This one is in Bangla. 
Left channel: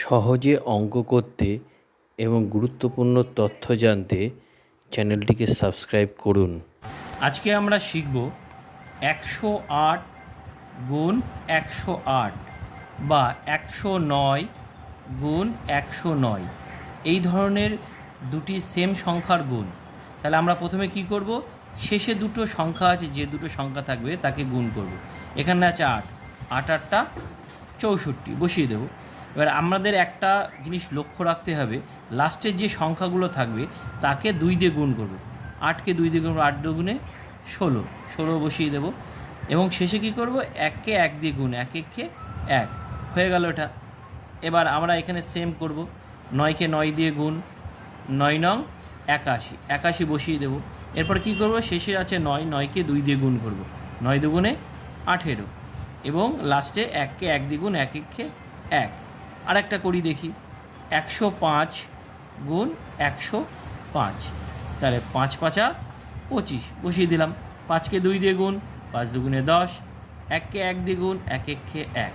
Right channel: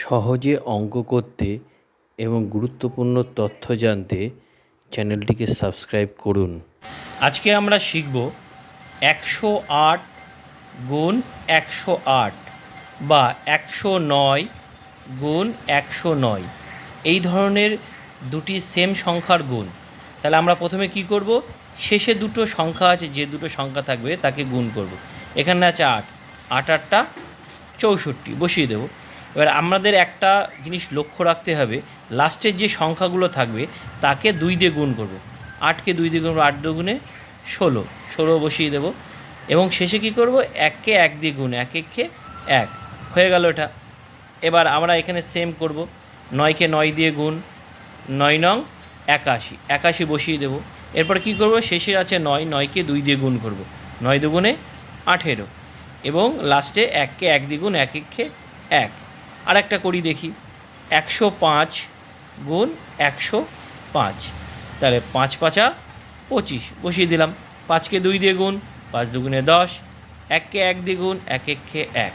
সহজে অঙ্ক করতে এবং গুরুত্বপূর্ণ তথ্য জানতে চ্যানেলটিকে সাবস্ক্রাইব করুন। আজকে আমরা শিখব 108 গুণ 108 বা 109 গুণ 109 এই ধরনের দুটি সেম সংখ্যার গুণ। তাহলে আমরা প্রথমে কি করব, শেষে দুটো সংখ্যা আছে, যে দুটো সংখ্যা থাকবে তাকে গুণ করব। এখানে আছে 8, 8 8টা 64 বসিয়ে দেবো। এবার আমাদের একটা জিনিস লক্ষ্য রাখতে হবে, লাস্টের যে সংখ্যাগুলো থাকবে তাকে 2 দিয়ে গুণ করব। 8কে 2 দিয়ে গুণ করবো, 8 দুগুণে 16, 16 বসিয়ে দেবো। এবং শেষে কী করব, 1কে 1 দিয়ে গুণ, 1 1কে 1 হয়ে গেল এটা। এবার আমরা এখানে সেম করব, 9কে 9 দিয়ে গুণ, 9 নং 81, 81 বসিয়ে দেবো। এরপর কি করব, শেষে আছে 9, 9কে 2 দিয়ে গুণ করব, 9 দুগুণে 18 এবং লাস্টে 1কে 1 দিয়ে গুণ, 1 1কে 1। আর একটা করি দেখি, 105 গুণ 105, তাহলে 5 5 25 বসিয়ে দিলাম। 5কে 2 দিয়ে গুণ, 5 দুগুণে 10, 1কে 1 দিয়ে গুণ, 1 1কে 1।